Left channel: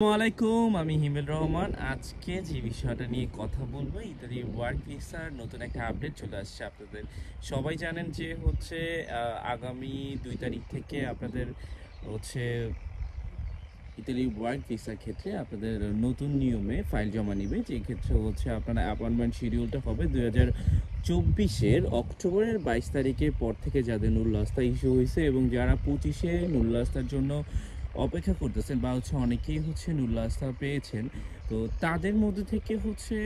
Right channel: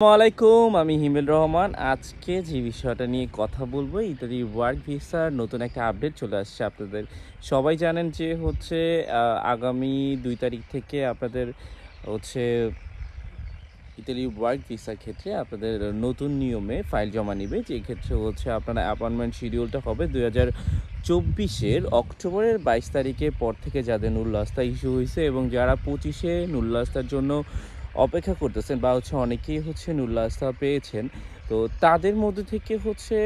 আসসালামাইকুম, আমি হিমেল রহমান। আজকে যে বিষয়টা নিয়ে কথা বলবো, ইত্যাদি ওয়ার্ক ভিসার নতুন একটা আপডেট চলে আসছে। আপনাদের সবাই জানেন যে হচ্ছে আগামী 2 তারিখ থেকে আপনাদের হচ্ছে ইতালি ওয়ার্ক ভিসার ক্ষেত্রে আপনাদের নতুন নিয়মে ফাইল জমা নিবে। যে ক্ষেত্রে হচ্ছে আপনার অ্যাপয়েন্টমেন্ট শিডিউলটা হবে 2024-এর অক্টোবরের 22 তারিখের পর থেকে যাদের নুল্লাস্তা ইস্যু হয়েছে এবং যারা 25-এ নুল্লাস্তার জন্য অপেক্ষা করতেছেন বা হচ্ছে অনেকেই হচ্ছে নুল্লাস্তা পেয়েছেন, তো তাদের মধ্যে থেকে হচ্ছে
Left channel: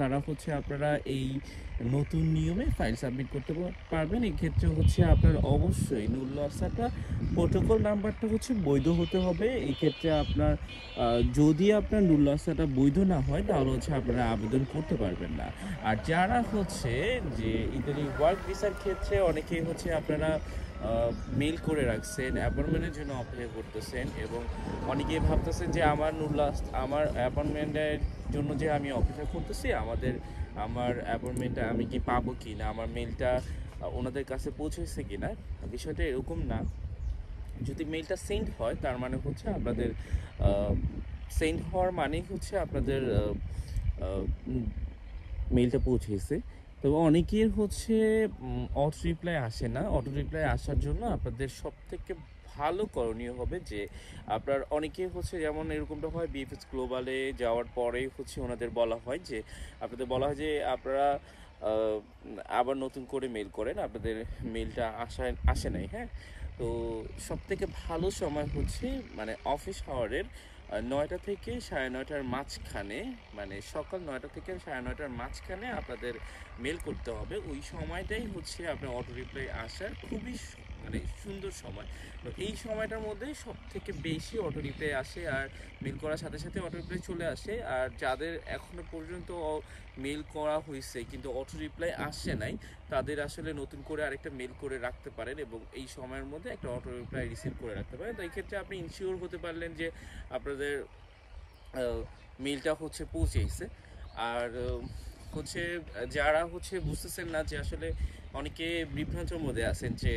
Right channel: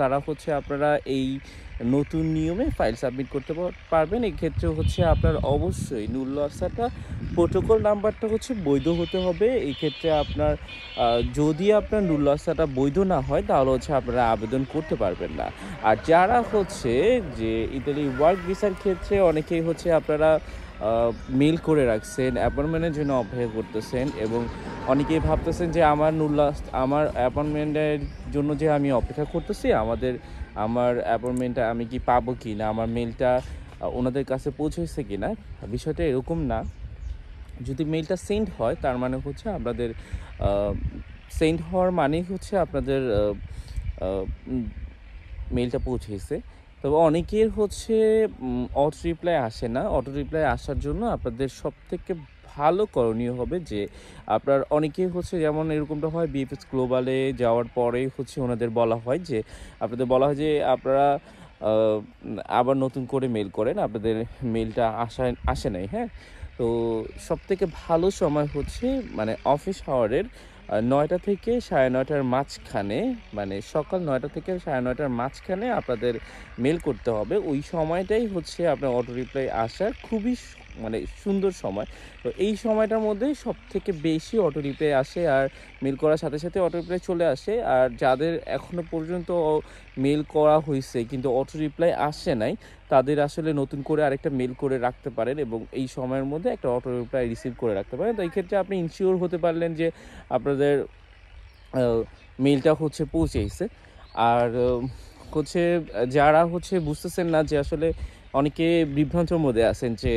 তারা হচ্ছে আপনারা এই নতুন নিয়মে ফাইল সাবমিট করতে পারবেন। এক্ষেত্রে হচ্ছে আপনার অবশ্যই নুল্লাস্তাটা প্রোটোকল নাম্বারটা হচ্ছে বৈধ হতে হবে। এই ক্ষেত্রে আপনার যদি আপনার নুল্লাস্তাটা বৈধ না হয় তাহলে হচ্ছে আপনারা আবেদন করতে পারবেন না। আর যারা হচ্ছে যে ইতালি ওয়ার্ক ভিসার ক্ষেত্রে অনেকেই হচ্ছে আপনারা মেল করে রাখছেন, অ্যাপয়েন্টমেন্টের জন্য অপেক্ষা করতেছেন এবং অনেকেই ভাবতেছেন যে আমার অ্যাপয়েন্টমেন্টের জন্য যে আমি অপেক্ষা করতেছি, আমার অ্যাপয়েন্টমেন্টটা আমি কি পাবো কি না, আমার মেলটা ওনাদের কাছে পৌঁছেছে কি না। বিষয়টা এরকম না। যদি মেলটা সেন্ড হয় তার মানে হচ্ছে আপনাদের সেন্ড হওয়ার মানেই হচ্ছে আপনাদের মেলটা পৌঁছেছে। তবে অনেকের হচ্ছে অটো রিপ্লাই আসে না। অটো রিপ্লাই আসার জন্য আপনাদের সবথেকে ভালো করণীয় হবে যে আপনার অনেকেই হচ্ছে, যেমন এরকমটা হয় বিএফএস গ্লোবালে যাওয়ার পরে হচ্ছে ওনাদের বলা হয় যে যে আপনারা আবার নতুন করে মেল করেন, আপনাদের মেলটা আসে নাই। হ্যাঁ, তো সবথেকে ভালো সময় হচ্ছে মানে অফিস আওয়ারের 9টা থেকে 9:30-র মাঝখানে, মানে সকাল 9টা থেকে 9:30-র মাঝখানে আপনাদের মেল করতে হবে। ওই সময়টাই হচ্ছে আপনার অটো রিপ্লাই আসার খুবই মানে সুন্দর সময়। তো এই সময়টার মধ্যে সব থেকে বেশি অটো রিপ্লাই আসে আর মেল করার সাথে সাথে অটো রিপ্লাই চলে আসে। আর যাদের এখনো পর্যন্ত মেল করা হয়েছে কিন্তু অটো রিপ্লাই আসে নাই, তাদের আসলে নতুন করে আরেকটা মেল করে রাখতে পারেন এবং এই সময়ের মধ্যে একটা অটো রিপ্লাই রিসিভ করে রাখতে পারেন। তো এই ক্ষেত্রে আপনি ইনশিওর হতে পারলেন যে আপনাদের মেলটা হচ্ছে পৌঁছেছে। আর হচ্ছে যারা হচ্ছে বুঝতেছেন না, যে আসলে অনেকে বিভ্রান্তের মধ্যে আছেন যে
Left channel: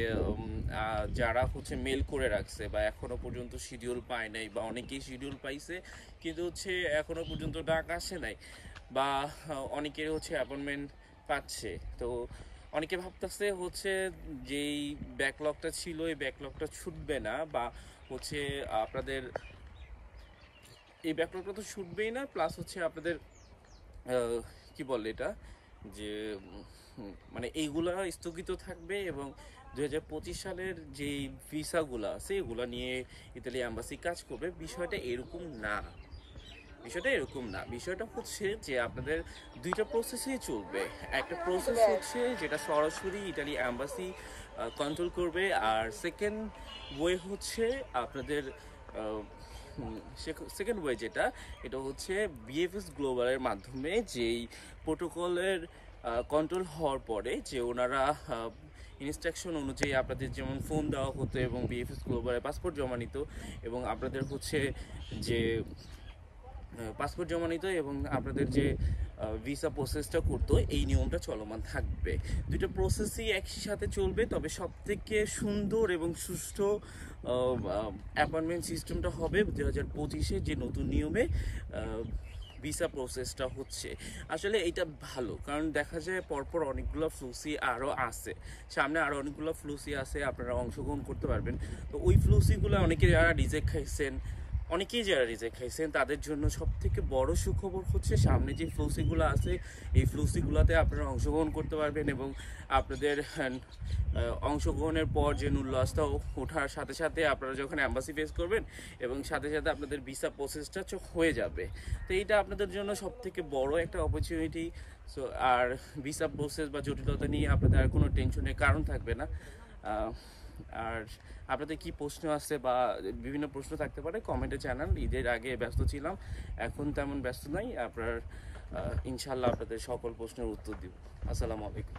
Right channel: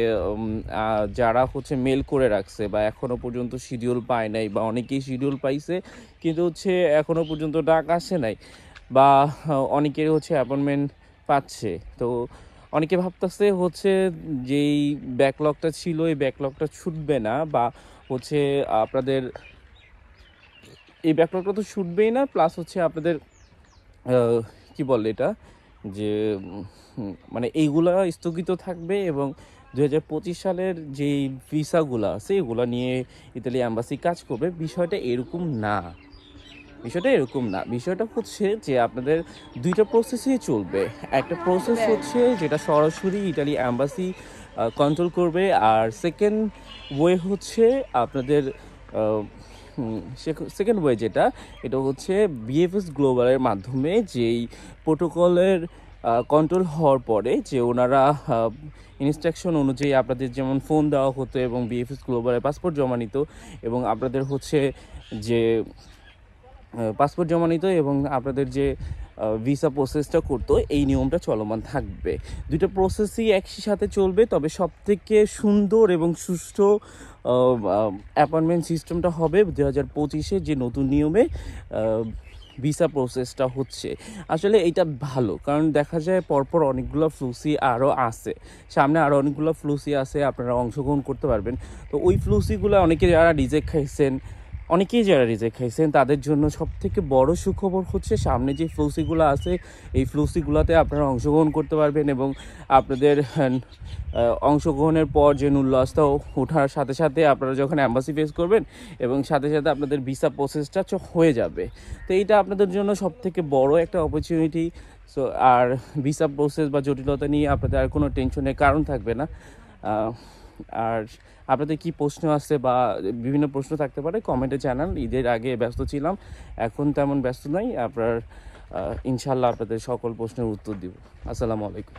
যারা হচ্ছে মেল করে রাখছে বা এখনো পর্যন্ত শিডিউল পায় নাই, বা অনেকেই শিডিউল পাইছে কিন্তু হচ্ছে এখনো পর্যন্ত ডাক আসে নাই, বা অনেকের হচ্ছে অ্যাপয়েন্টমেন্ট পাচ্ছে। তো অনেকে ভাবতেছে হচ্ছে যেই ব্যাকলগটা ছিল এই ব্যাকলগটা ছুটবে না, বা হচ্ছে আপনাদের এই ব্যাকলগটা তো ছুটবেই না, প্লাস হচ্ছে আপনাদের কি বলে এটা, যে মানে এইগুলা স্থগিত থাকবে এবং 2025 সালের যেই ভিসাগুলো আছে এগুলো নিয়ে ইতালি অ্যাম্বাসি কাজ করবে। বিষয়টা হচ্ছে যে আপনাদের দুইটা প্রসেসই চলবে। একটা প্রসেস হচ্ছে যেটা সরাসরি ইতালি অ্যাম্বাসি কন্ট্রোল করবে, আর সেকেন্ড হচ্ছে আপনাদের সেকেন্ড ওয়ে যেটা, এটা হচ্ছে বিএফএস গ্লোবালের মাধ্যমে যেই প্রোটোকলের কন্ট্রোল হওয়ার পরে যে ওনারা ইনস্ট্রাকশন অনুযায়ী আপনাদের যেমন ফোন দেওয়া হতো এবং বিএফএস গ্লোবালের পাসপোর্ট জমা নিত এবং আপনাদের হচ্ছে যে পাসপোর্ট জমা নিত এবং আপনাদের যে ভিসা প্রসেসটা করতো, এই নিয়মটা চলমান থাকবে। দুইটা প্রসেসই একই সাথে চলবে। তবে সবথেকে সুন্দর এবং সুষ্ঠু অ্যাপয়েন্টমেন্ট সিস্টেমটা হবে 2025-এ যে নতুন নিয়মে ভিসা প্রসেসটা হচ্ছে। আসলে এইটা ভালো, কারণ দেখা যায় পরপর অনেকগুলো ফ্লুসি আরও আছে, সামনে আরও অনেকগুলো ফ্লুসি আছে, আপনারা অংশগ্রহণ করতে পারবেন। তো ওই ফ্লুসিগুলো অনেকেই যারা রিজেক্ট খাইছেন তাদের জন্য সবথেকে বড় সুখবর হচ্ছে সামনে যে ফ্লুসিগুলো আছে এই ফ্লুসিগুলোতে আপনারা অংশগ্রহণ করতে পারবেন এবং আপনাদের অংশগ্রহণের পর যে নুল্লাস্তা ওঠার সাথে সাথে আপনারা যখন অ্যাম্বাসি ফেস করবেন এবং সাথে সাথে আপনাদের ভিসা প্রসেসটা হয়ে যাবে। তো এইটা আপনাদের জন্য সবথেকে বড় একটা অপরচুনিটি। সো আর ভিসা প্রসেস বা জটিলতা নিয়ে আপনাদের আর কোনো টেনশনের কারণ থাকবে না। আর আপনাদের কি প্রশ্ন আছে বা বিভিন্ন প্রশ্ন থাকতে পারে কমেন্টে জানান। ঈদের আগে ব্যস্ত ছিলাম, এখন তেমন ব্যস্ত নাই। ইনশাল্লাহ আপনাদের সকল প্রশ্নের উত্তর দিব। আসসালামু আলাইকুম।